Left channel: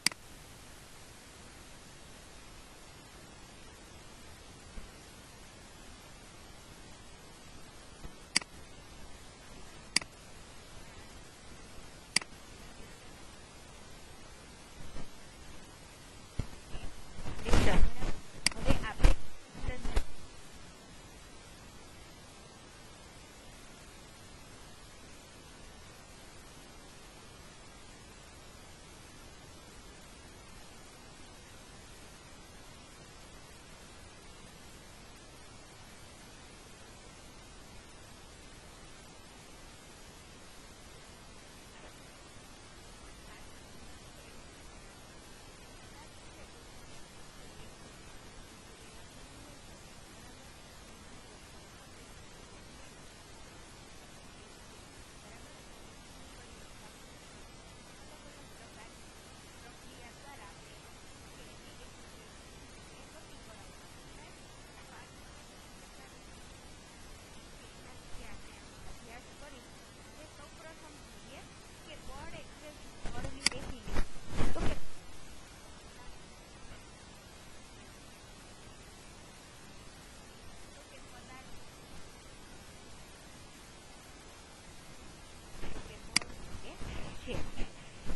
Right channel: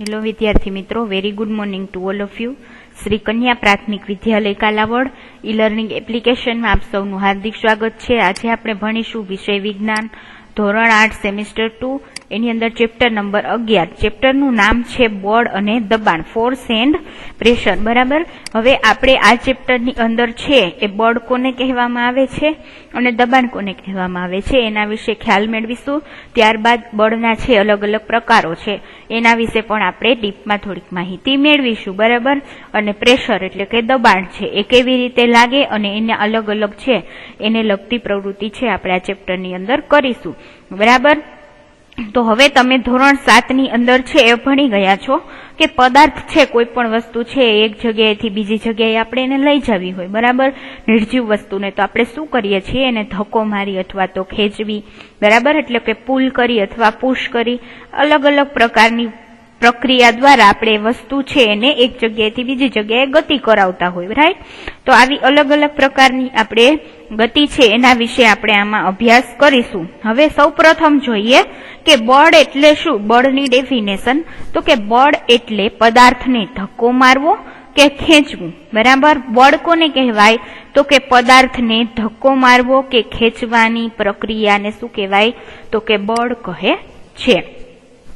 Hello વિદ્યાર્થી મિત્રો, very good morning to all of you. Shri કન્યા પ્રાથમિક વિદ્યાલય કાલાવડ ઈ લર્નિંગ એપ્લિકેશનમાં આપ સૌનું હાર્દિક સ્વાગત છે. આજે આપણે ભણીશું વિષય વિજ્ઞાન ધોરણ 8 સેમિસ્ટર 2. એની અંદર ચેપ્ટર નંબર 11. ચેપ્ટરનું નામ છે બળ અને દબાણ, ફોર્સ એન્ડ પ્રેશર. બરાબર. હવે આપણે આ ચેપ્ટરની અંદર છે એ બળ કોને કહેવામાં આવે છે અને દબાણ કોને કહેવામાં આવે છે એના વિશે ખ્યાલ મેળવીશું. ત્યારબાદ બળના છે અલગ અલગ પ્રકારો છે એના વિશે પણ આપણે ડીપમાં થોડીક માહિતી મેળવીશું. બરાબર. અને પ્રેશર એટલે કે દબાણ છે એ કેવી રીતે લાગે અને એના અલગ અલગ છે એને લગતી પ્રવૃત્તિ છે આપણે આ ચેપ્ટરની અંદર કરીશું. બરાબર. તો હવે તમે ધોરણ 7 ની અંદર છે એ ભણી ગયા છો કે પદાર્થ છે, કોઈ પણ વસ્તુ છે એક જગ્યાએથી બીજી જગ્યાએ આપણે એને લઈ જવી હોય. બરાબર. નિર્જીવ વસ્તુને તો આપણે શું કરીએ છીએ, એને ધક્કો મારી અથવા તો ખેંચવી. બરાબર. એટલે કે પુલ કરી અથવા પુશ કરી અલગ અલગ પ્રકારની પ્રક્રિયા દ્વારા આપણે વસ્તુ છે એને એક જગ્યાએથી બીજી જગ્યાએ ગતિ કરાવતા હોય. રાઈટ. તો આવી અલગ અલગ પ્રકારની આપણે ગતિ છે એના વિશે આપણે આમાં અભ્યાસ કરીશું. હવે સૌપ્રથમ જોઈએ કે બળ એટલે શું. બળની ડેફિનેશન તો કે બળ એટલે પદાર્થને ધક્કો મારવો કે ખેંચવું. બરાબર. બળ કોને કહેવાય તો કે પદાર્થને ધક્કો મારવો કે ખેંચવાની પ્રક્રિયાને શું કહેવાય તો કે બળ કહે છે.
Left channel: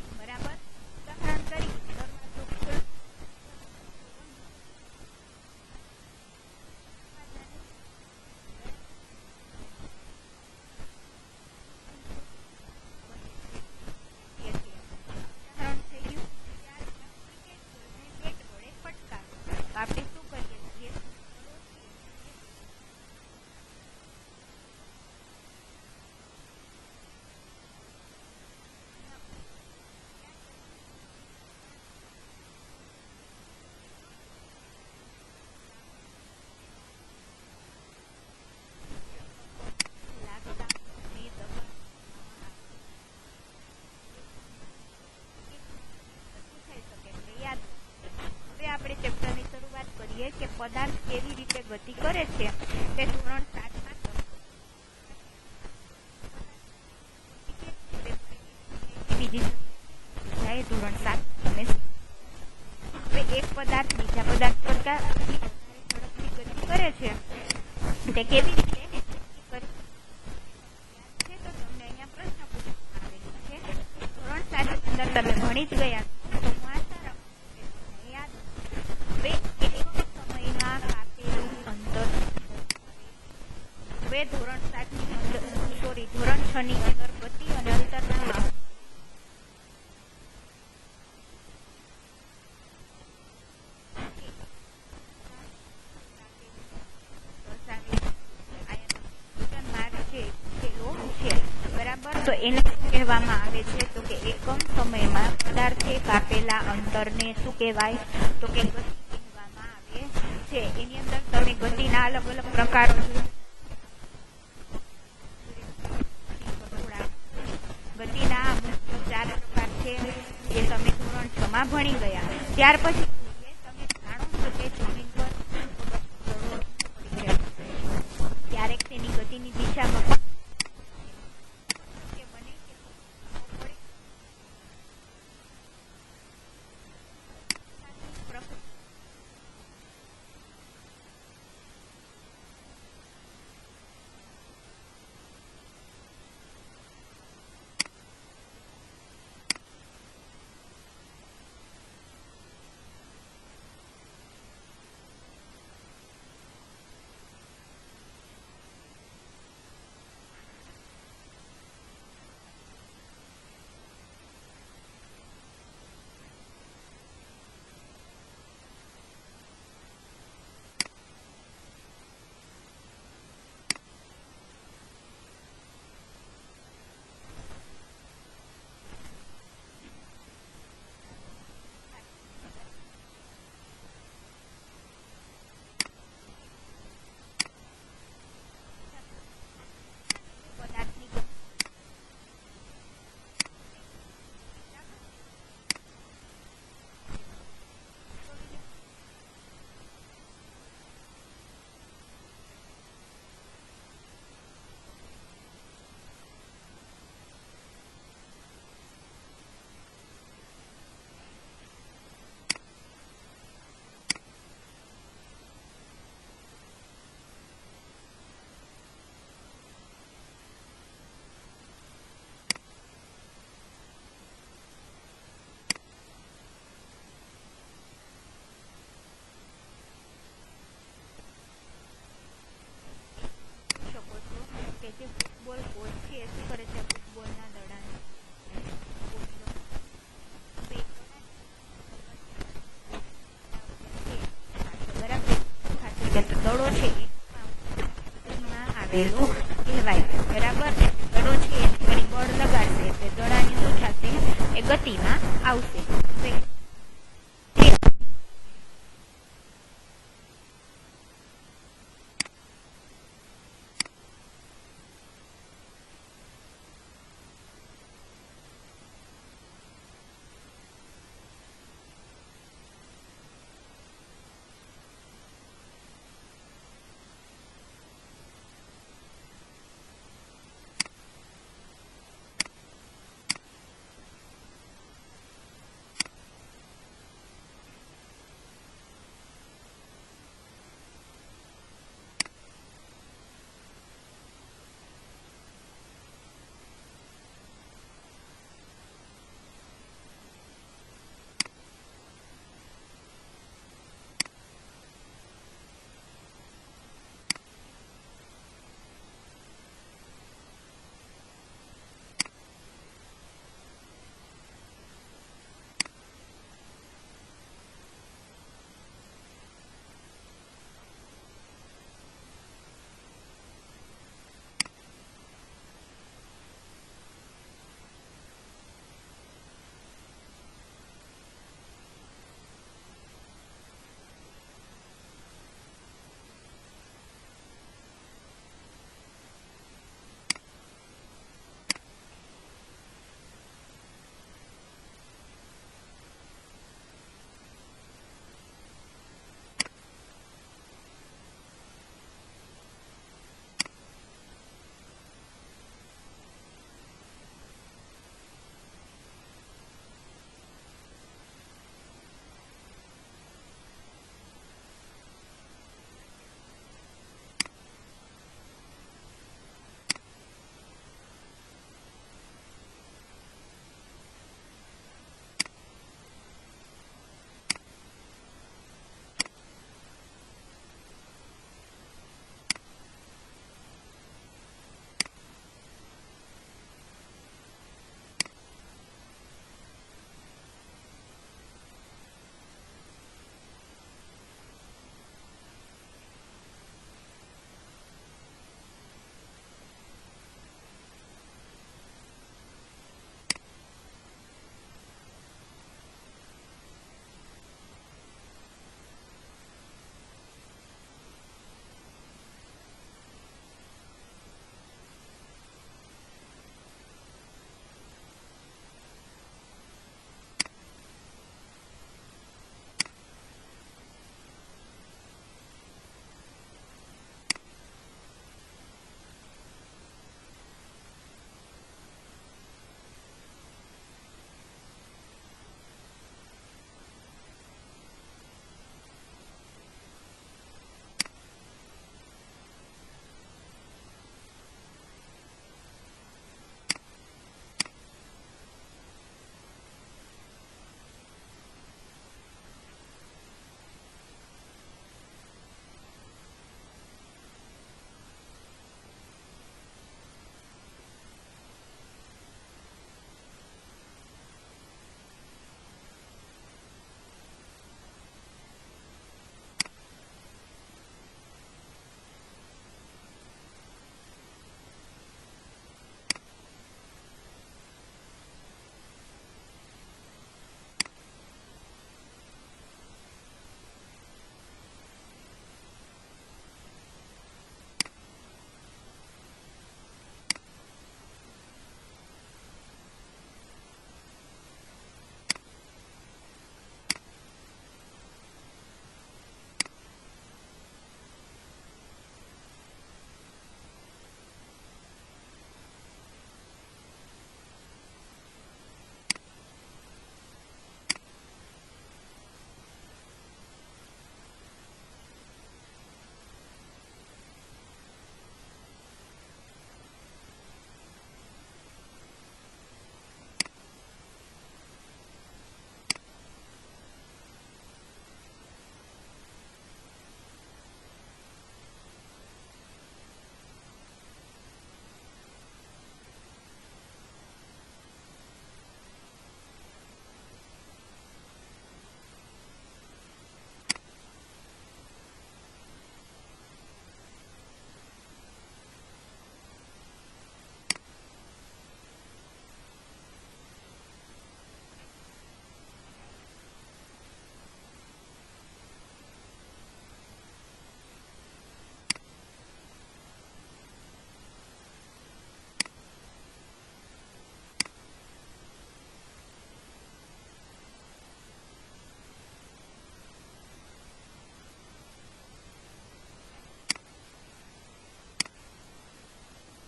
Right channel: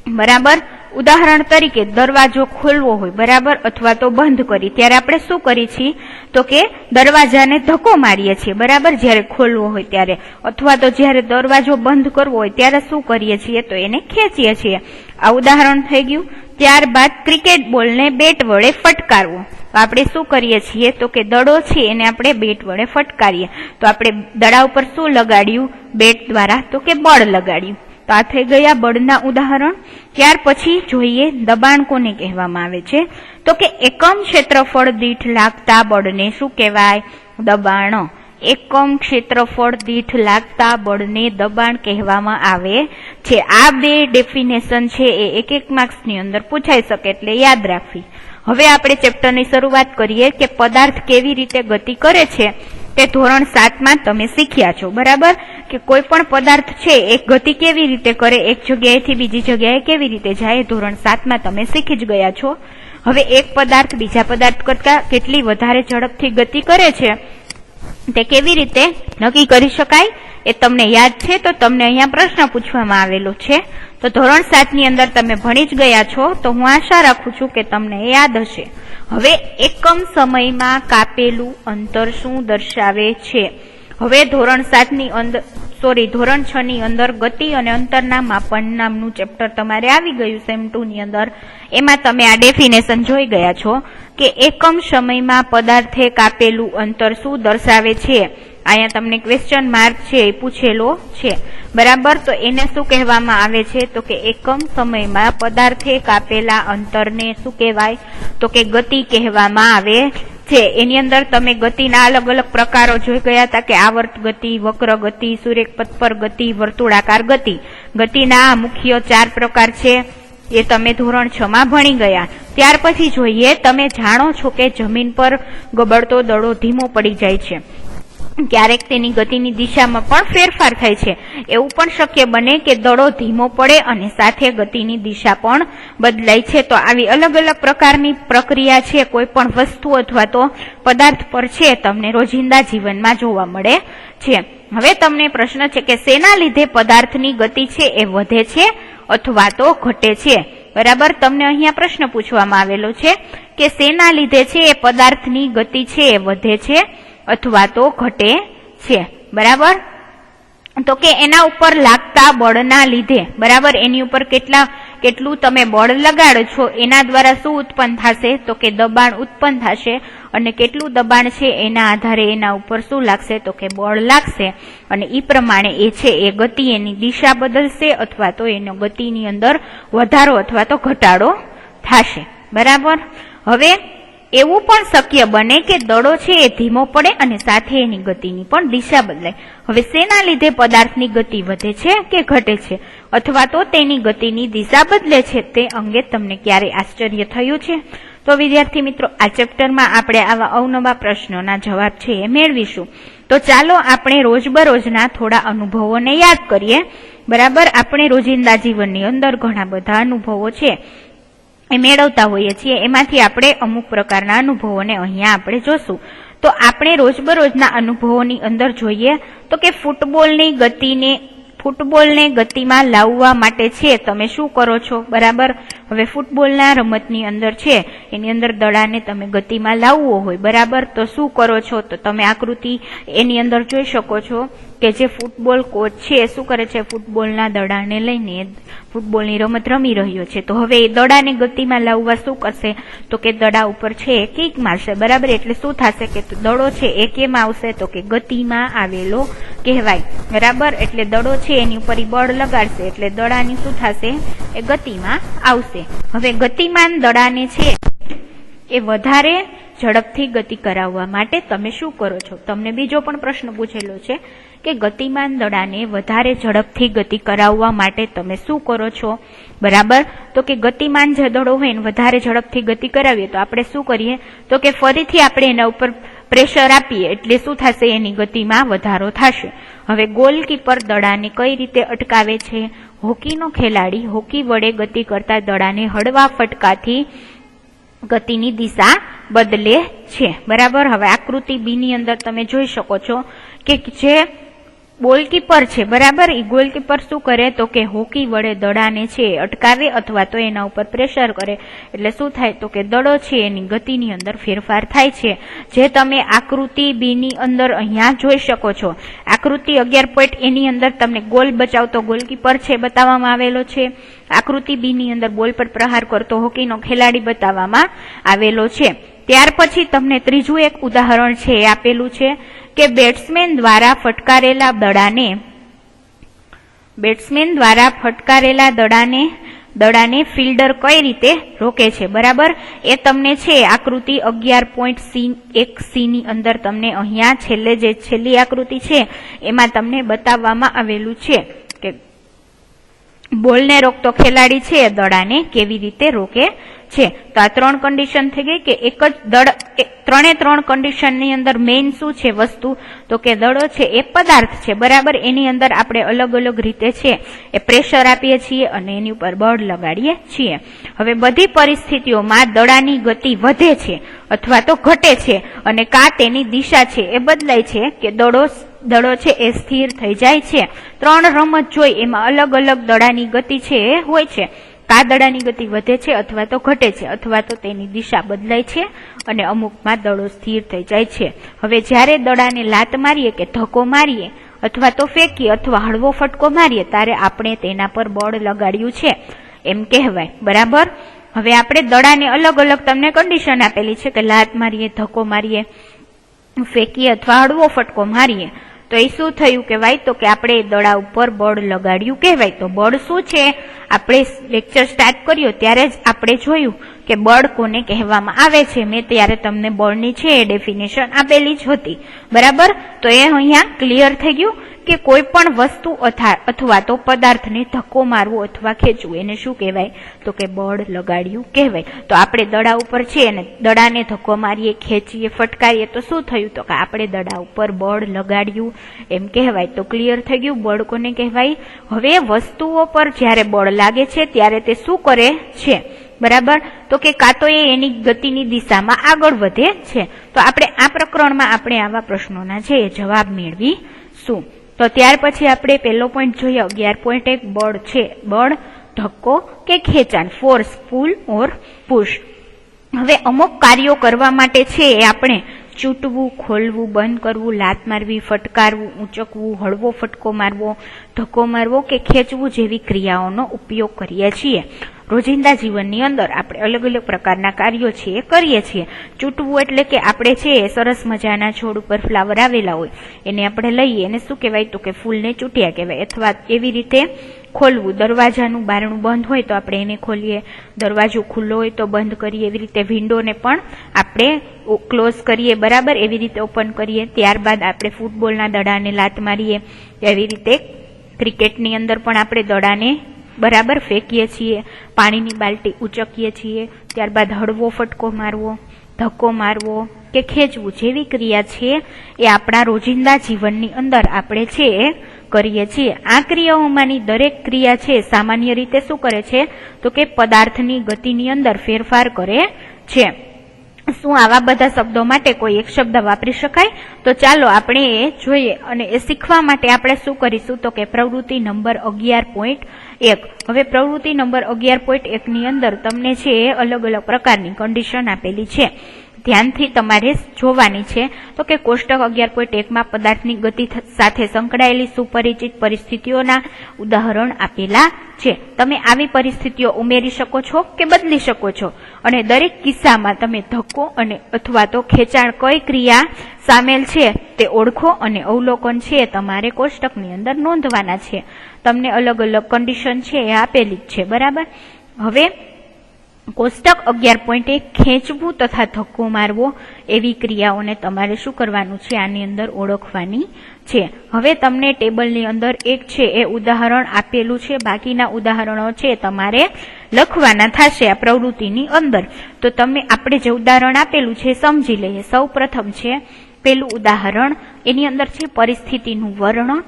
બરાબર. ઉદાહરણ તરીકે દરવાજો ખોલવો હોય, બરાબર, અથવા તો બંધ કરી ત્યારે આપણે શું કરીએ છીએ તો કે દરવાજાને ધક્કો મારીએ છીએ. બરાબર. જ્યારે ખોલવો હોય ત્યારે, અથવા તો જ્યારે દરવાજો બંધ કરવો હોય ત્યારે શું કરીએ છીએ તો એને ખેંચીએ છીએ. આ ઉદાહરણ થઈ ગયું. ત્યારબાદ ક્રિકેટ બોલને બેટ વડે ફટકારવો. તો આપણે શું કરીએ છીએ તો કે દડો છે એને આપણે બેટ વડે ફટકારીએ. તો આપણે દડા ઉપર શું લગાડ્યું બેટ દ્વારા તો કે બળ લગાડ્યું. તો આ થઈ ગયા બળના ઉદાહરણ. ત્યાર પછી જોઈએ દબાણ કોને કહેવામાં આવે છે તો કે એકમ ક્ષેત્રફળ દીઠ લાગતા બળને શું કહેવાય દબાણ. એકમ ક્ષેત્રફળ દીઠ લાગતા બળને દબાણ કહેવામાં આવે છે. આ બે ડેફિનેશન છે એ એક માર્ક્સની અંદર પૂછાઈ શકે એટલે યાદ રાખવી. હવે આપણે ચેપ્ટરની શરૂઆત કરીએ કે પદાર્થ કેવી રીતે ગતિ કરે છે તે ધોરણ 7માં તમે શીખ્યા છો. બરાબર. કે કોઈ પણ પદાર્થ છે એક ગતિ કેવી રીતે કરે, એક જગ્યાએથી બીજી જગ્યાએ કેવી રીતે જાય, ધોરણ 7માં તમે શીખી જ ગયા છો. હવે એક પદાર્થ બીજા પદાર્થ કરતા કેટલી વધારે ઝડપથી ગતિ કરે છે તે કેવી રીતે નક્કી કરી શકાય એ તમને યાદ છે. તો તમને અહીંયા પ્રશ્ન પૂછવામાં આવેલો છે. તો ધોરણ 7 ની અંદર તમે ભણી જ ગયા છો તો હું આશા રાખું છું કે તમને યાદ હશે. હવે એકમ સમયમાં કાપેલું અંતર શું દર્શાવે છે. હવે ધોરણ 7 ની અંદર ધોરણ 6 ની અંદર ગતિ અને અંતરના માપન નામનું ચેપ્ટર તમારે આવી ગયું સેમ 2 ની અંદર. એમાં તમે આ ડેફિનેશન જોઈ ગયા છો કે એકમ સમયમાં પદાર્થે કાપેલું અંતર શું દર્શાવે છે. અહીંયા તમને ક્વેશ્ચન માર્ક છે એ પૂછેલો છે. બરાબર. તો એને શું કહેવામાં આવે છે તો કે એકમ સમયમાં પદાર્થે કાપેલા અંતરને શું કહેવાય તો કે ગતિ કહેવામાં આવે છે. એની અંદર તમે ગતિના અલગ અલગ પ્રકારો જોઈ ગયા હતા કે આવર્ત ગતિ, વક્ર ગતિ, સુરેખ પથ પર ગતિ, વર્તુળાકાર ગતિ. ગતિના મુખ્ય 4 પ્રકાર છે એ તમે ધોરણ 6 માં ભણી ગયા. ત્યાર પછી જોઈએ તમે જાણો છો કે જમીન પર ગબડતો દડો ધીમો પડી જાય છે. ક્યારેક તેની ગતિની દિશામાં પણ ફેરફાર થાય છે. એવું પણ શક્ય બને કે દડો ધીમો પડે અને સાથે ગતિની દિશા પણ બદલાય છે. તો આવી અલગ અલગ પ્રકારની પ્રક્રિયા છે કોઈ પણ વસ્તુ અથવા તો પદાર્થ પર છે તમને રોજિંદા જીવનમાં જોવા મળે છે. હવે તમને પ્રશ્ન છે કે શેના લીધે પદાર્થની ગતિ છે એ વધે છે અથવા તો ઘટે છે. બરાબર. તમને અહીંયા પ્રશ્ન પૂછવામાં આવેલો છે કે શેના લીધે છે એ પદાર્થની ગતિ છે એ વધે છે અથવા તો ઘટે છે. બરાબર. તો કે એના ઉપર લાગતા બળના લીધે. બરાબર. એની ઉપર કેટલું તમે બળ લગાડો છો એના દ્વારા શું ઉત્પન્ન થશે તો કે દબાણ ઉત્પન્ન થશે. અને કેટલું દબાણ છે એના આધારે એના ઉપર શું લાગશે તો કે બળ લાગશે. અને એ પ્રમાણે એ છે એ ગતિ એની દિશા બદલશે અથવા તો એનો ગતિની અંદર વધારો અથવા તો ઘટાડો થશે. બરાબર. હવે એવું પણ શક્ય બને કે દડો છે એ ધીમો પડે અને સાથે એની ગતિની પણ દિશા બદલાય. હવે શેના લીધે પદાર્થની ગતિ વધે છે કે ઘટે છે અથવા તો તેની ગતિની દિશા બદલે છે તે અંગે તમને ક્યારે આશ્ચર્ય થયું છે. તો વિદ્યાર્થી મિત્રો આ ચેપ્ટરમાં આપણે આવા અવનવા પ્રશ્નોના જવાબ છે એ મેળવીશું. તો ચાલો આપણે રોજબરોજના થોડા અનુભવોને યાદ કરીએ. બરાબર. આપણે રોજિંદા જીવનની અંદર ઘણા બધા અનુભવો છે એ મેળવતા હોઈએ છીએ, એમાંથી આપણે અમુક પ્રકારના અનુભવોને અહીંયા આપણે જોશું. તો આપણે રોજબરોજના અનુભવોની અંદર જોઈએ તો કે ફૂટબોલને ગતિમાં લાવવા માટે છે તમે શું કરો છો, બરાબર. હવે ફૂટબોલના રમતની અંદર છે એની અંદર દડાને તમે ગતિમાં લાવવો હોય, બરાબર, તો શું કરો છો, તો તમે આકૃતિ એની અંદર જોઈ શકો છો કે જે ફૂટબોલ કોચ છે એ શું કરે છે, ફૂટબોલના દડાને લઈને ફૂટબોલની રમત રમી રહ્યો છે. તો હવે એ દડાને ગતિમાં લાવવા શું કરશે, તો કે દડા ઉપર છે એ કિક મારશે, બરાબર. એટલે શું થશે કે દડો છે એ કેમ આવશે, તો કે ગતિમાં આવેલો કહેવાય, બરાબર. એટલે દડો છે એની ઉપર બળ લગાડશે એટલે દડાની શું થશે, એ ગતિમાં આવશે. હવે ગતિમાન દડાને છે એ વધારે ઝડપથી ગતિ કરાવવા માટે તમે શું કરો છો. તમને બીજો પણ પ્રશ્ન પૂછેલો છે કે ગતિમાન દડાને વધારે ઝડપથી ગતિ કરાવવા માટે તમે શું કરો છો, બરાબર. તો કે ગતિમાન જે દડો હોય એને વધારે ઝડપથી ગતિ કરાવીએ તો આપણે શું કરીએ, તો કે ફરીથી આપણે એના ઉપર પ્રેશર આપીએ એટલે શું થશે, એની ગતિમાં વધારો થશે. હવે ગોલકીપર દડાને કઈ રીતે અટકાવે છે, હોકીનો ખેલાડી હોકી વડે ગતિ કરતા દડાને હળવા ફટકાથી ગતિની દિશા બદલે છે, બરાબર. હવે આકૃતિ બી ની અંદર તમે જોઈ શકો છો કે જે ગોલકીપર છે, બરાબર, એ ગોલકીપર શું કરે તો કે હોકી વડે દડાને છે અટકાવે અથવા તો એના ઉપર પ્રેશર કરે એટલે શું થાય, તો કે દડો છે એની ગતિની અંદર ફેરફાર થાય છે, જે તમે આકૃતિ બી ની અંદર અહીંયા જોઈ શકો છો. આકૃતિ 11 એની અંદર તમને ગોલ બચાવતો ગોલકીપર છે બતાવવામાં આવેલો છે. આકૃતિ બી ની અંદર બોલ પર પ્રહાર કરતો હોકીનો ખેલાડી બતાવવામાં આવેલો છે. ત્યાર પછી તમને ત્રીજું એક ઉદાહરણ છે એ આપેલું છે કે બેટ્સમેન દ્વારા ફટકારેલા દડાને ફિલ્ડર કઈ રીતે રોકે છે, બરાબર. એ તમને છે આકૃતિ 11.1C ની અંદર તમને અહીંયા છેલ્લી આકૃતિ છે એમાં તમને બતાવવામાં આવેલું છે કે બોલને રોકતો ખેલાડી છે દડાને કેવી રીતે રોકે છે. તો આ 3 કન્ડિશન થઈ ગઈ કે એક જ ત્રણ કન્ડિશનની અંદર મેઇન શું છે વસ્તુ, તો કે દડો છે એ પદાર્થ છે, બરાબર. એની અંદર આપણે અલગ અલગ રીતે છે એ પ્રેશર આપીએ છીએ અને એની ઉપર બળ લગાડીએ છીએ. હવે બધી પરિસ્થિતિઓમાં દડાની ગતિ વધે છે અથવા તો ઘટે છે અને કા તેની દિશા છે એ બદલાય છે કે દડો છે એ સ્થિર થઈ જાય છે. 3 રમત જોઈ એમાં અલગ અલગ દડાની ગતિ છે એ હોય છે. કા દડાની ગતિ વધે છે અથવા તો ઘટે છે અથવા તો તેની દિશા બદલાય છે અને અમુકમાં દડો સ્થિર થઈ જાય છે. હવે જ્યારે દડાને લાત મારીએ કે ધક્કો મારીએ અથવા તો ફેંકીએ અથવા હળવો ફટકો મારીએ ત્યારે આપણે તેના પર બળ લગાડ્યું છે એમ કહેવાય, બરાબર. હવે આપણે દડાને અલગ અલગ તમને કન્ડિશન આપેલી છે કે લાત મારીએ, ધક્કો મારીએ, ફેંકીએ અથવા હળવો ફટકો મારીએ તો એ શું થયું કહેવાય, તો કે આપણે દડા ઉપર બળ લગાડ્યું કહેવાય. તો બળ શું છે, આપણે લેક્ચર સ્ટાર્ટ કર્યો ત્યારે જ આપણે જોયું કે બળ કોને કહેવામાં આવે છે. મેં ત્યારે તમને બળની છે એ ડેફિનેશન આપેલી જ હતી, બરાબર. તો એ અહીંયા ક્લિયર થઈ ગયું કે કોઈ પણ વસ્તુ અથવા તો પદાર્થને ધક્કો મારવો અથવા ખેંચવું એને શું કહેવાય, તો કે બળ લગાડ્યું કહેવાય. તો આપણે દડા ઉપર છે અને દડાને ધક્કો મારીએ, ખેંચીએ, ફટકારીએ તો શું થયું, તો કે આપણે દડા ઉપર બળ લગાડ્યું એમ કહેવાય. તો ક્લિયર થઈ ગયું બળ કોને કહેવાય. હવે વસ્તુઓ પર જ્યારે બળ લાગે છે ત્યારે તે શું કરે છે, બરાબર. તો કે કાં તો એની ગતિની દિશામાં આગળ વધે છે. તો આપણે આ પ્રકરણમાં આપણે આવા પ્રશ્નોના છે એ જવાબ મેળવીશું. તો ત્યાર પછી આપણે પહેલો પોઈન્ટ જોઈએ 11.1 બળ છે, બળ, ધક્કો કે ખેંચાણ, ફોર્સ, પુલ ઓર પુશ. હવે અમુક કાર્યો કરવા માટે છે એ આપણે ચૂંટવું, ખોલવું, બંધ કરવું, લાત મારવી, ફટકારવું, ઊંચકવું, હળવો ફટકો મારવો, ધક્કો મારવો કે ખેંચવું જેવી ક્રિયાઓનો ઉપયોગ કરીએ છીએ. રોજિંદા જીવનની અંદર આપણે અલગ અલગ પ્રકારના કાર્યો છે એ કરીએ છીએ. ચૂંટવું એટલે કે આપણે છે સરસ મજાના છોડ ઉપર ફ્લાવર આવેલા હોય એને આપણે લઈએ એને શું કહેવાય, તો કે ફૂલને ચૂંટ્યા કહેવાય. અથવા એવી રીતે ખોલવું, દરવાજાનું બારણું બંધ હોય તો આપણે એને ખોલીએ, દરવાજો ખુલ્લો હોય તો બંધ કરીએ. એવી રીતે વિન્ડોને પણ આપણે ક્લોઝ કરીએ, બરાબર. એવી રીતે ઓપન કરીએ. ત્યારબાદ આપણે ફૂટબોલના દડાને લાત મારીએ. એવી રીતે ક્રિકેટની અંદર પણ આપણે દડાને બરાબર ફેંકીએ છીએ, પાણીની બાલટી ઉચકીએ છીએ. ત્યારબાદ હળવો ફટકો મારવો, ધક્કો મારવો કે ખેંચવું જેવી ક્રિયા છે એ આપણા રોજિંદા જીવનની અંદર આપણે છે એ કરીએ છીએ। આ ક્રિયાઓમાંની દરેક ક્રિયા છે સામાન્ય રીતે શું કરે છે તો કે પદાર્થની ગતિની અંદર ફેરફાર કરે છે। શું આવા બધા શબ્દો માટે કોઈ એક શબ્દ વાપરી શકાય? તો ચાલો આપણે એ જોઈએ અને એ શીખવા માટે આપણે શું કરીશું તો કે પ્રવૃત્તિ નંબર 11.1। હવે પ્રવૃત્તિ નંબર 11.1 ની અંદર તમને છે અલગ અલગ પ્રકારની કન્ડિશન આપેલી છે, ધ્યાનથી તમારે જોવાની છે। તો કે કોષ્ટક 11.1 માં પદાર્થની ગતિ સાથે સંકળાયેલી સુપરિચિત પરિસ્થિતિઓના ઉદાહરણ આપેલા છે। તમે આવી પરિસ્થિતિઓ ઉમેરી શકો છો કે બદલી શકો છો અને દરેક કિસ્સામાં તમે ધક્કો અને અથવા તો ખેંચાણ કઈ ક્રિયા સામેલ છે તે ઓળખો અને અવલોકન છે તમારે કોષ્ટકની અંદર નોંધવાના છે। તમને અલગ અલગ કન્ડિશન છે એ આપેલી જ છે, બરાબર। હવે કોષ્ટક 11.1 ખેંચવું તથા ધક્કો મારવો એવી ક્રિયાઓને તમારે શું કરવાનું છે આની અંદર ઓળખવાની છે। હવે તમને ટેબલની અંદર એક છે એ ઉદાહરણ આપેલું છે, બાકીના ઉદાહરણો છે તમારે લખવાના થશે આ પ્રવૃત્તિની અંદર। તો તમે આપણે જે ઉદાહરણ આપેલું છે સમજી લઈએ। સૌ પ્રથમ છે પેલું ઉદાહરણ, એની અંદર છે પરિસ્થિતિનું વર્ણન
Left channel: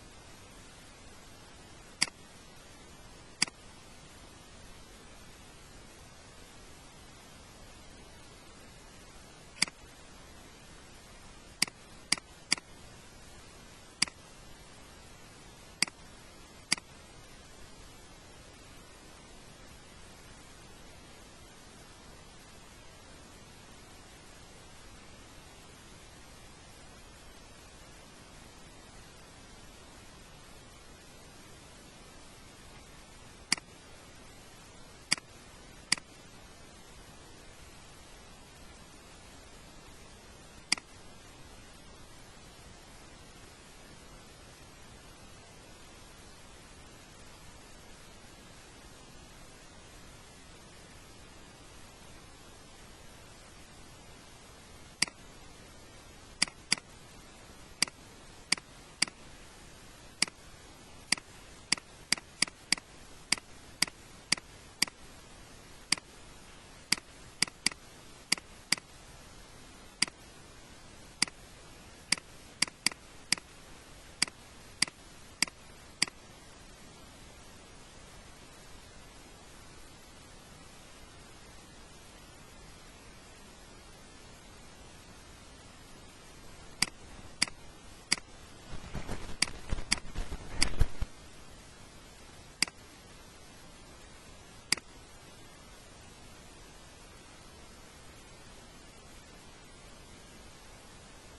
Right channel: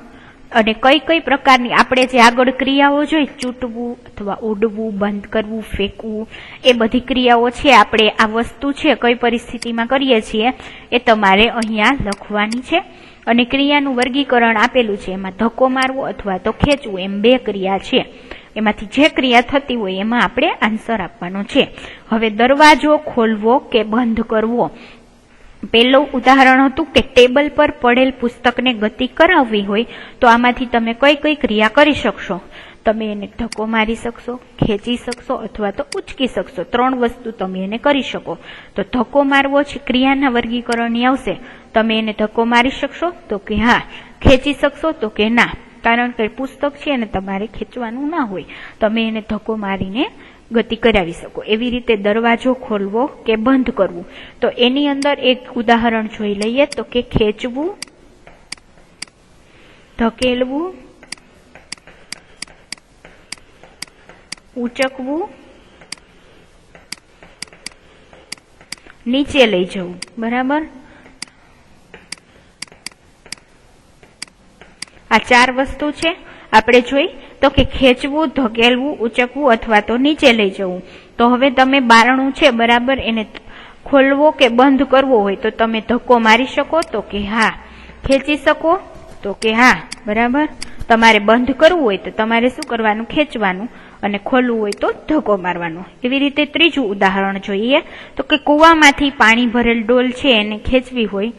અને કઈ કઈ પ્રકારની આપણે જે આગળ ક્રિયાઓ જોઈ ચૂંટવું અથવા ઉડવું, બંધ કરવું, ફેંકવું, એ બધી ક્રિયાઓ છે આપણે આ વસ્તુ છે કઈ પરિસ્થિતિમાં કરીએ છીએ એ તમારે અહીંયા લખવાની છે। અને ક્રિયાનું વર્ગીકરણ આપેલું છે, એમાં ધક્કો મારવો અથવા તો ખેંચવું એમ બે ક્રિયા છે, એમાંથી જે ક્રિયા થતી હોય એમાં આપણે આન્સર આપવાનો છે। હવે દરવાજો ખોલવો કે બંધ કરવો, પહેલું ઉદાહરણ હતું કે ટેબલ પર પડેલ પુસ્તકને ગતિ કરાવવી હોય તો આમાંથી તમે કઈ કઈ ક્રિયા કરી શકશો? તમે એને ધક્કો મારી શકશો, ખેંચી શકશો અથવા તો ઉચકી શકશો, 3 વસ્તુ તમે એને કરી શકો। તો ધક્કો મારવો છે ક્રિયાના વર્ગીકરણની આવશે, તમે એને ધક્કો મારી શકશો તો કે હા, ખેંચી શકશો તો કે ના, કારણ કે પુસ્તક છે એને તમારે ખેંચવાનું ના હોય, તમે એને ધક્કો મારીને ગતિ કરાવી શકો। એવી રીતે દરવાજો ખોલવો કે બંધ કરવું, તો એની અંદર એક ઉદાહરણ જોઈ લઈએ તો કે ખેંચવું, ધકેલવું, ઉચકવું, નીચે લઈ જવું, બરાબર। આ 4 વસ્તુ છે આપણે જોઈ તો કે ખેંચવું, ધકેલવું, ઉચકવું અથવા તો નીચે લઈ જવું। તો હવે તમે બારણું છે બરાબર એને ખોલવો કે બંધ કરવો હોય તો તમે ધક્કો મારી શકો તો કે હા, ખેંચી શકો તો કે હા, બરાબર। તમારે બંધ કરવું હોય તો તમારે શું કરવાનું? ખેંચવાનું, અને ખોલવું હોય તો ધક્કો મારવાનો। એવી રીતે ત્રીજું ઉદાહરણ જોઈએ તો કે કૂવામાંથી પાણી ભરેલ ડોલ છે એને ખેંચવી હોય,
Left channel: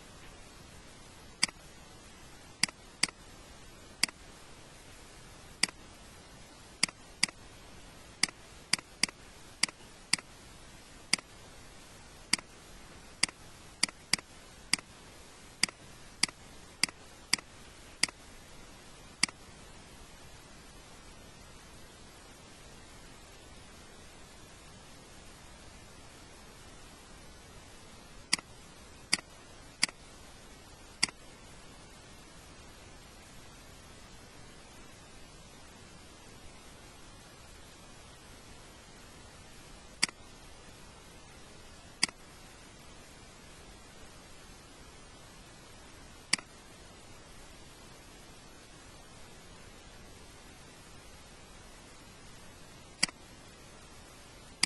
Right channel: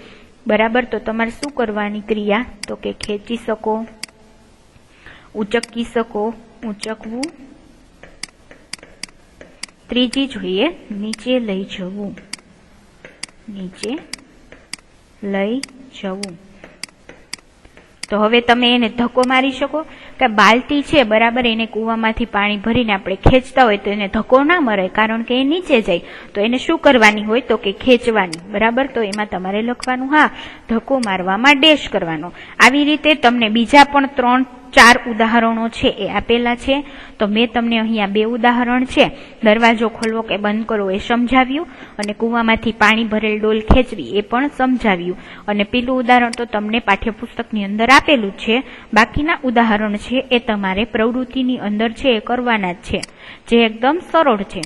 બરાબર, તો તમારે શું કરવાની ક્રિયા તો કે ખેંચી શકો, ઉચકી શકો, ઉચકવું। ત્રીજી જોઈએ નીચે લઈ જવું, નીચે લઈ જવું। તો હવે તમે એને ધક્કો મારી શકો કે બાલટી છે બરાબર, એને કૂવામાંથી પાણી ભરીને આપણે ખેંચતા હોય તો એને ધક્કો ના મરાય, કારણ કે એ નીચે જાય, તો એને શું કરવાની હોય તો કે ખેંચવાની, બરાબર। તો એમાં તમારે લખવાનું હા, ધક્કો મારવામાં ડેશ કરવાનો। આવી રીતે તમને બીજા પણ 3-4 ઉદાહરણો છે એ આપેલા છે। તો મેં તમને અહીંયા 2 ઉદાહરણ છે, દરવાજો ખોલવો કે બંધ કરવો એ સમજાવ્યું અને કૂવામાંથી પાણી ભરેલ ડોલ ખેંચવી એ પણ સમજાવ્યું। અને પેલું ઉદાહરણ તો તમને પાઠ્યપુસ્તકની અંદર આપેલું છે, બાકીના ઉદાહરણ છે એ તમારે પ્રવૃત્તિની અંદર છે એ કરવાના જ છે, જે એકદમ સરળ છે,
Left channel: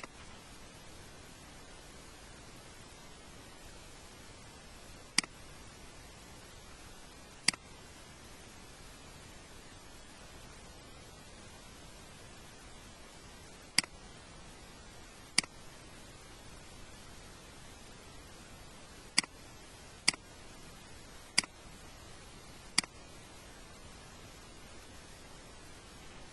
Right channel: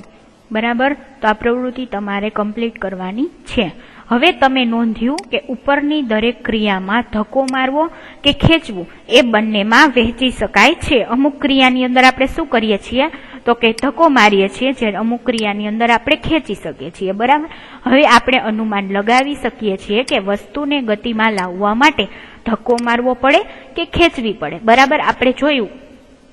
બરાબર। તો આ પ્રવૃત્તિ તમારે કમ્પ્લીટ કરવાની છે। હવે તમે નોંધ્યું કે ઉપરની દરેક ક્રિયામાં ધક્કો મારવો કે ખેંચવું એ બંનેમાં વહેંચી શકાય છે। અમુક ક્રિયાની અંદર આપણે શું કરીએ છીએ તો કે ધક્કો મારીએ છીએ, જ્યારે અમુક ક્રિયાની અંદર આપણે ખેંચી શકીએ છીએ, બરાબર। હવે આપણે અનુમાન લગાવી શકીએ છીએ કે વસ્તુને ગતિમાં લાવવા માટે ધક્કો મારવો પડે કે ખેંચવી પડે, બરાબર। આપણે જોયું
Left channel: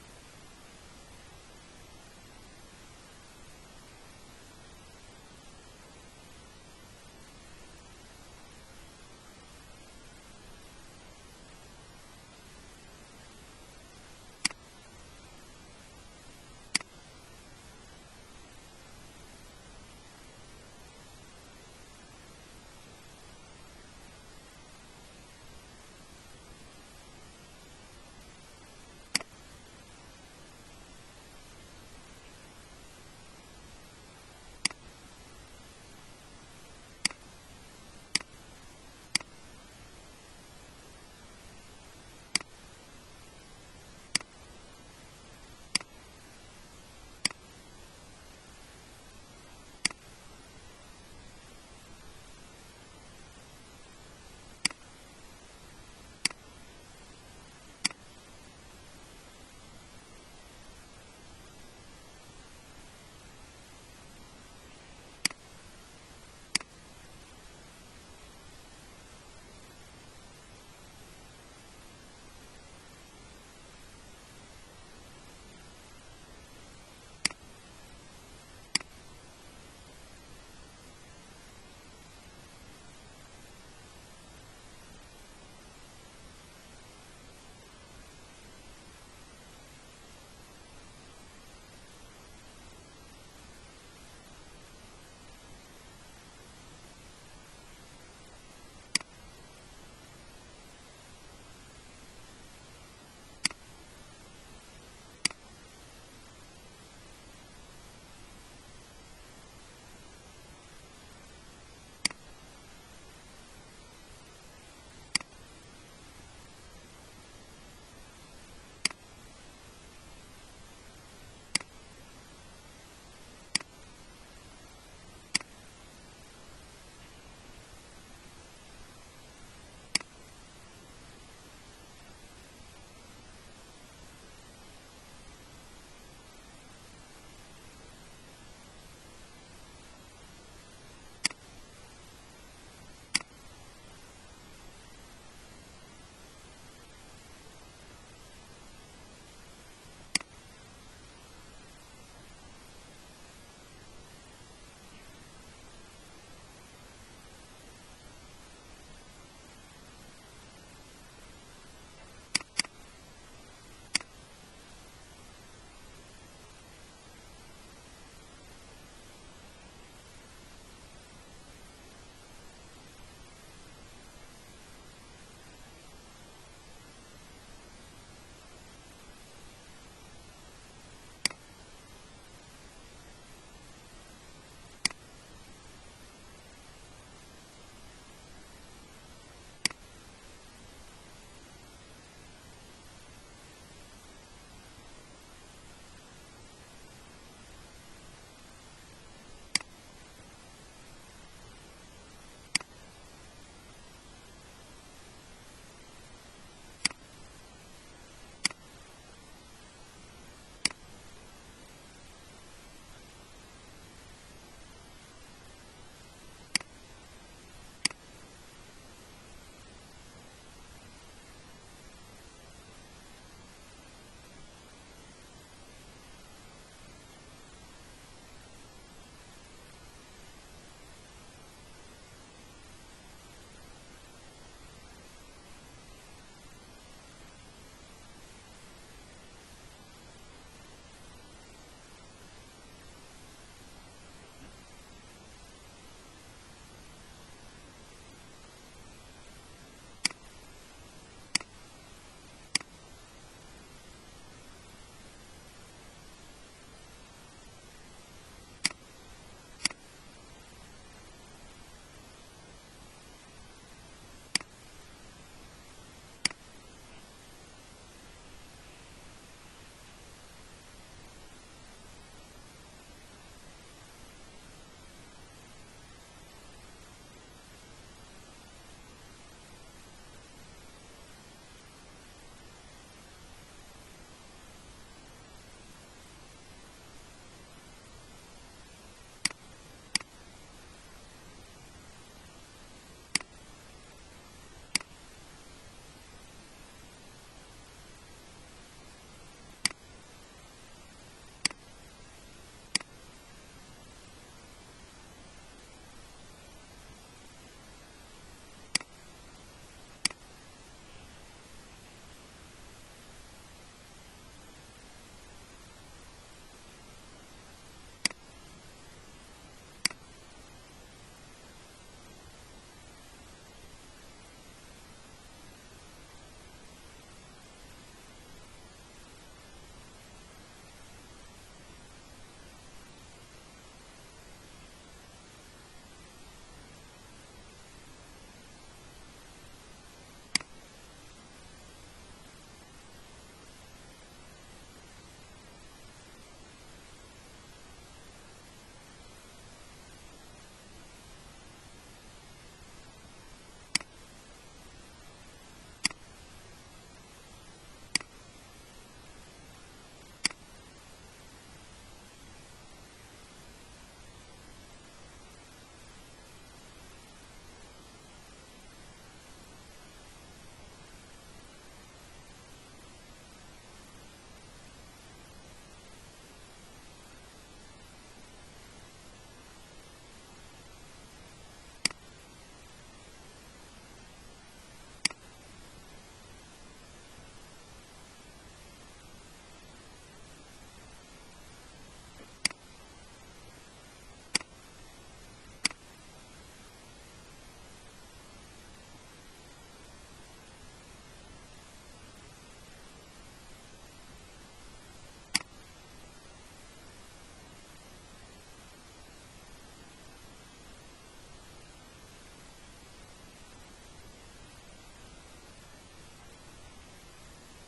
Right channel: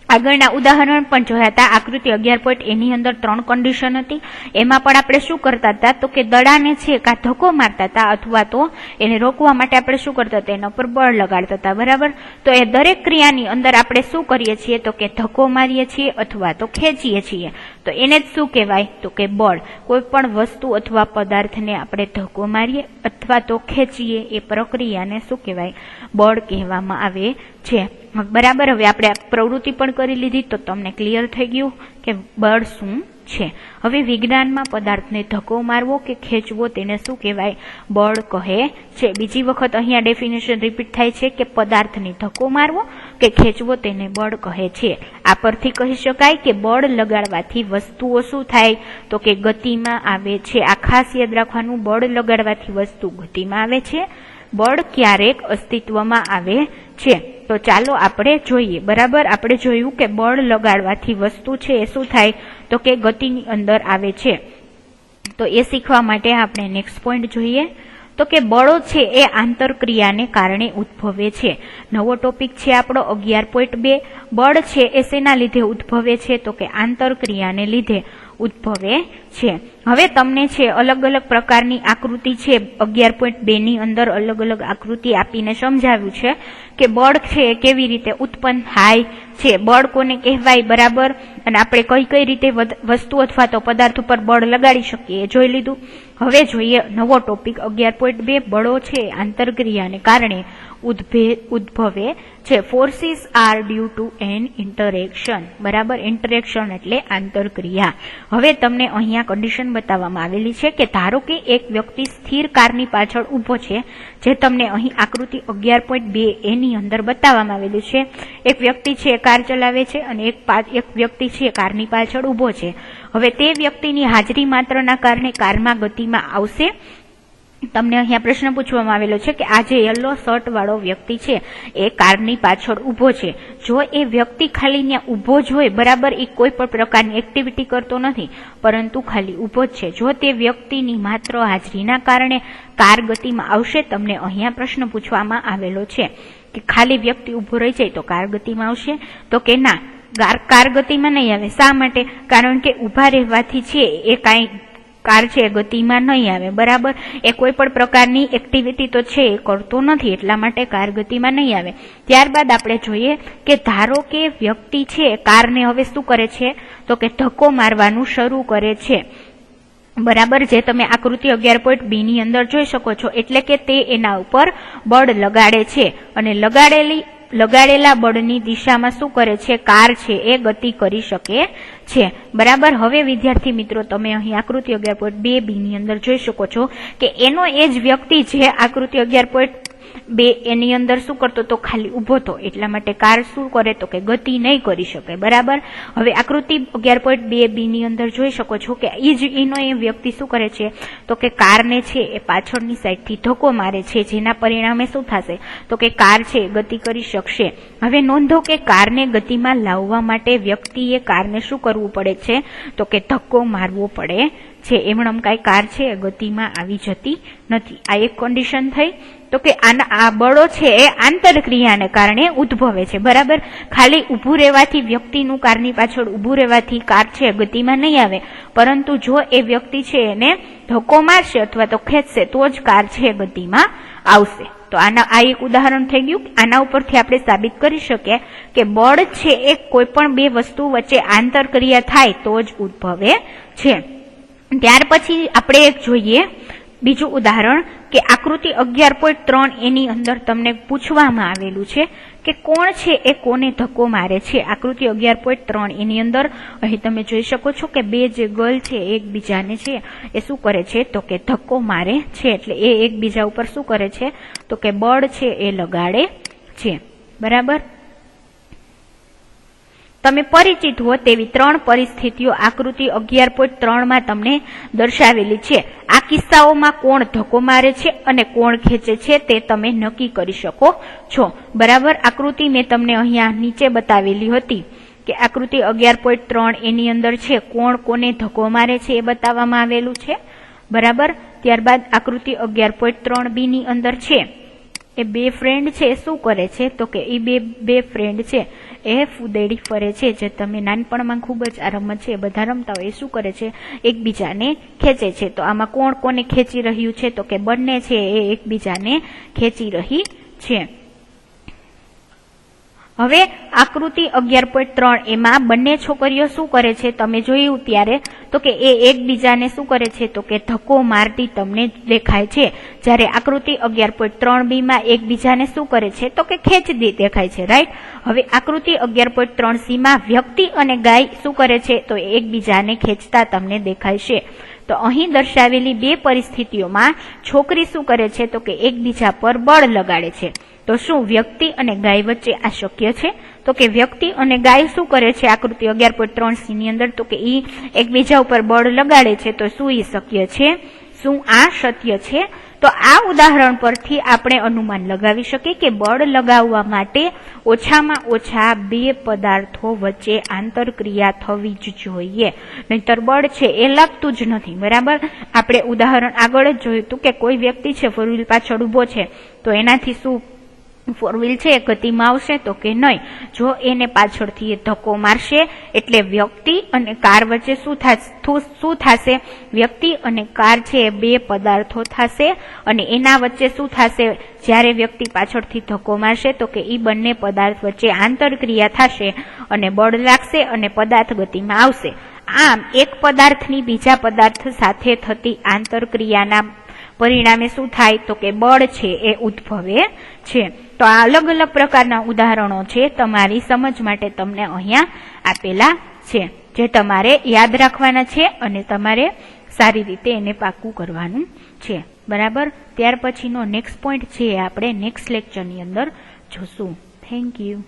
આગળના ઉદાહરણ પણ જોયા હતા, આકૃતિ 11.1 ની અંદર 3 કન્ડિશન હતી, એમાં પણ આપણે શું કરતા હતા તો કે દડાને છે કાં ધક્કો મારતા હતા અથવા તો એને રોકવા માટે આપણે શું કરતા હતા, એના પર બળ લગાડતા હતા, બરાબર। તો એ દરેક ક્રિયાની અંદર આપણે શું કરીએ છીએ તો કે ધક્કો મારીએ છીએ અથવા તો ખેંચીએ છીએ, તો એને જ શું કહેવાય તો કે બળ। કોઈ પણ વસ્તુ અથવા પદાર્થને આપણે ધક્કો મારીએ અથવા તો ખેંચીએ એ પ્રક્રિયાને શું કહેવાય? બળ કહેવામાં આવે છે, બરાબર। હવે આપણે પ્રવૃત્તિ પણ કરી લીધી તો તમને ક્લિયર થઈ ગયું કે બળ શું છે। હવે વિજ્ઞાનમાં પદાર્થને ધક્કો મારવો કે ખેંચવો તેને શું કહેવાય? બળ કહે છે। બીજી વખત અહીંયા ડેફિનેશન રિપીટ થાય છે કે પદાર્થને ધક્કો મારવો કે ખેંચવો તેને બળ કહે છે। આ પરથી કહી શકાય કે બળ લગાડવાથી વસ્તુઓ શું થાય? તો કે ગતિમાં આવે છે। આ ખાસ યાદ રાખવાનું, બળ લગાડવાથી વસ્તુ ગતિમાં આવે છે, બળ ક્યારેક અસ્તિત્વમાં આવે છે। તો ચાલો આપણે જોઈએ। બરાબર, આપણે જોયું કે બળ લગાડવાથી વસ્તુ છે એ શું થાય? તો કે ગતિની અંદર આવે છે। તો એ શીખવા માટે આપણે નેક્સ્ટ પોઈન્ટ જોઈએ તો કે બળો છે એ આંતરક્રિયાને કારણે ઉદ્ભવે છે। નવો ટોપિક છે આપણો 11.2। બળ છે એ શેના લીધે ઉદ્ભવે છે? તો કે આંતરક્રિયાને લીધે ઉદ્ભવે છે। હવે તમને છે અલગ અલગ પ્રકારની આકૃતિ છે 11.2 ની અંદર અલગ અલગ આકૃતિ આપીને સમજાવ્યું છે કે બળ છે કેવી રીતે ઉત્પન્ન થાય છે, બળ કોને કહેવાય, બરાબર, અને આપણે કઈ કઈ રીતે વસ્તુ અથવા તો પદાર્થ ઉપર બળ લગાડી શકીએ એ જોઈ લીધું। હવે જોઈએ નવો ટોપિક 11.2। બળો છે આંતરક્રિયાને કારણે ઉદ્ભવે છે। Forces are due to an interaction. બરાબર, ઇન્ટરેક્શન એટલે આંતરક્રિયા। હવે તમને અહીંયા કન્ડિશન બતાવવામાં આવેલી છે કે ધારો કે એક વ્યક્તિ સ્થિર કારની પાછળ ઊભો છે, જે તમને અહીં આકૃતિ 11.2 એની અંદર બતાવવામાં આવેલું છે। એક વ્યક્તિ છે કાર ચલાવે છે અને એક વ્યક્તિ છે કારની પાછળ ઊભો છે। હવે તે વ્યક્તિની હાજરી માત્રના કારણે કારમાં ગતિમાં આવશે। તમને અહીંયા પ્રશ્ન પૂછવામાં આવેલો છે કે આ જે યલો શર્ટ વાળો વ્યક્તિ છે એ કારની પાછળ ઊભો છે, જો એ વ્યક્તિ ખાલી ત્યાં ઊભો જ હોય, બરાબર, એ કોઈ પણ પ્રકારની એક્ટિવિટી કરતો નથી પરંતુ ખાલી ઊભો જ છે, જો તે વ્યક્તિની માત્ર હાજરીના કારણે કાર ગતિમાં આવશે, તમને અહીંયા પ્રશ્ન પૂછવામાં આવેલો છે કે ખાલી વ્યક્તિ ઊભો રહી જાય તો કાર ગતિમાં આવશે? તો કે ના, કાર ગતિમાં નહીં આવે। શા માટે? કારણ કે ઊભા રહેવાથી છે એ કાંઈ કાર છે ગતિમાં નહીં આવે, બરાબર, એ કોઈ પણ પ્રકારની એક્ટિવિટી તો છે એ કરતો નથી, એટલા માટે કાર ગતિમાં નહીં આવે। ત્યારબાદ આપણે જોઈએ કે ધારો કે વ્યક્તિ છે કારને હવે શું કરે છે? તો કે ધક્કો મારવાનું શરૂ કરે છે, બરાબર, જે તમે આકૃતિ 11.2 ની અંદર જોઈ શકો છો। એટલે કે તે એના ઉપર બળ લગાડે છે અને લગાડેલા બળની દિશામાં શું કરે છે? કાર છે એ ગતિ કરી શકે છે, બરાબર। હવે વિદ્યાર્થી મિત્રો તમે અહીં આકૃતિ 11.2 ની અંદર જોઈ શકો છો કે એનો એ જ વ્યક્તિ જે આકૃતિ 11.2 એની અંદર શું કરતો? તો ખાલી ઊભો હતો, એટલા માટે કાર શું કરે? તો કે ગતિ નહીં કરી શકે, બરાબર। હવે આકૃતિ 11.2 ની અંદર જોઈ શકો છો કે એનો એ વ્યક્તિ શું કરે છે? તો કે કારને છે એ પાછળની સાઈડથી ધક્કો મારે છે, જેના પરિણામે શું થશે? તો કે કાર છે ગતિ કરી શકશે। હવે નોંધો કે કારને ગતિમાં લાવવા માટે વ્યક્તિએ કારને શું કરવું પડે છે? તો કે ધક્કો મારવો પડે છે। એમણમ કાંઈ કાર છે ગતિમાં આવી જતી નથી। આ એક કન્ડિશન થઈ। તો કે આ બળો છે એ આંતરક્રિયાને કારણે ઉદ્ભવે છે, બરાબર। ખાલી ઊભું રહેવાથી, વ્યક્તિનું કારની પાછળ ઊભું રહેવાથી કાર છે ગતિમાં નહીં આવે, પરંતુ જો એ વ્યક્તિ છે એને ધક્કો મારશે અથવા તો ખેંચશે તો જ કાર છે ગતિમાં આવશે। તો આ એક ઉદાહરણ થઈ ગયું। આના ઉપરથી આપણે સાબિત કરી શકીએ કે બળ છે એ કોઈ પણ બે વસ્તુ વચ્ચે આંતરક્રિયા થાય તો જ ઉદ્ભવે છે। ત્યાર પછી આપણે એક જોઈએ બીજું ઉદાહરણ કે આકૃતિ 11.3 એની અંદર તમને પૂછવામાં આવેલું છે કે કોણ છે એ કોને ધક્કો મારે છે। આકૃતિ 11.3 એની અંદર અહીં તમે જોઈ શકો છો કે બે જે ગર્લ છે એકબીજાને છે એ શું કરે છે? તો કે ધક્કો મારે છે, એટલે એ એકબીજા ઉપર શું કરે છે? તો કે બળ છે એ લગાડે છે, બરાબર। તમે પરિચિત હો તેવી ત્રણ પરિસ્થિતિઓ આકૃતિ 11.3 માં તમને દર્શાવેલી છે। આ કિસ્સાઓમાં કોણ ધક્કો મારે છે અને કોણ ખેંચે છે તે તમે નક્કી કરી શકો છો, બરાબર। આકૃતિ મેં તમને અહીંયા નીચે બતાવેલી હતી કે આકૃતિ 11.3 એની અંદર છે કોણ કોને ધક્કો મારે છે એ બતાવવામાં આવેલું છે, બરાબર। ત્યારબાદ આકૃતિ 11.3b ની અંદર છે એ બે ફ્રેન્ડ છે શું કરે છે? તો કે એ બે ફ્રેન્ડ છે એ ફૂદેડી ફરે છે, જે તમે નાનપણમાં ખૂબ જ આ રમત છે બધા રમતા હોય, એ શું કરે છે? એકબીજાને ખેંચે છે। તો આમાં કોણ કોને ખેંચી રહ્યું છે? તો કે બંને છે એ એકબીજાને ખેંચી રહી છે। હવે આકૃતિ 11.3 એમાં બંને છોકરીઓ શું કરે છે તમે જોયું ત્યારે તો કે એ એકબીજાને શું કરે છે તો કે ધક્કો મારતી તમને દેખાય છે, જ્યારે આકૃતિ 11.3b માં એકબીજાને શું કરે છે તો કે ખેંચતી દેખાય છે, રાઈટ। હવે આકૃતિ 11.3c માં વ્યક્તિ અને ગાય શું કરે છે તો એકબીજાને ખેંચતા તમને દેખાય છે। તો અહીં દર્શાવેલી બે પરિસ્થિતિઓમાં છોકરી શું કરે છે તો કે એકબીજા પર બળ લગાડે છે। તો શું વ્યક્તિ અને ગાય વચ્ચે આ શક્ય છે? તો કે વ્યક્તિ અને ગાય શું કરે છે આકૃતિ 11.3c ની અંદર તો કે ઈ એકબીજા ઉપર બળ લગાડે છે, તો શું એ શક્ય છે? શું આ સત્ય છે? તો આ ઉદાહરણ પરથી આપણે અનુમાન લગાવી શકીએ કે બળ લગાવવા માટે ઓછામાં ઓછા બે પદાર્થો વચ્ચે આંતરક્રિયા થવી જ જોઈએ, નહીતર બળ છે એ લાગતું જ નથી, બરાબર। આપણે ઉદાહરણ આગળ જ જોયું હતું કે કોઈ વ્યક્તિ છે ફોર વ્હીલ પાછળ ઉભો છે તો એનાથી શું ફોર વ્હીલ છે એ ગતિમાં આવશે તો કે નહીં, જો એને પાછળથી એ ધક્કો મારશે એટલે વ્યક્તિ અને કાર વચ્ચે શું થશે? વ્યક્તિ અને કાર છે એ બે પદાર્થો થશે અને એના વચ્ચે શું થશે? જ્યારે વ્યક્તિ પાછળથી ધક્કો મારશે તો કે ઈ બંને પદાર્થ વચ્ચે આંતરક્રિયા થશે અને બળ લાગશે અને પદાર્થ ગતિમાં આવશે। આમ એક પદાર્થની બીજા પદાર્થ સાથે થતી આંતરક્રિયાના પરિણામે શું થાય તો કે બળ છે એ ઉદ્ભવે છે। તો આ અલગ અલગ પ્રકારના ઉદાહરણો છે તમારી સમજ માટે તમને અહીંયા આપેલા છે, જે તમારે યાદ રાખવાના છે અને તમારે સારી રીતે એને પાકું કરવાનું છે, બરાબર। ત્યાર પછીનો નેક્સ્ટ પોઈન્ટ છે આપણે નેક્સ્ટ લેક્ચરની અંદર જોશું। Thank you.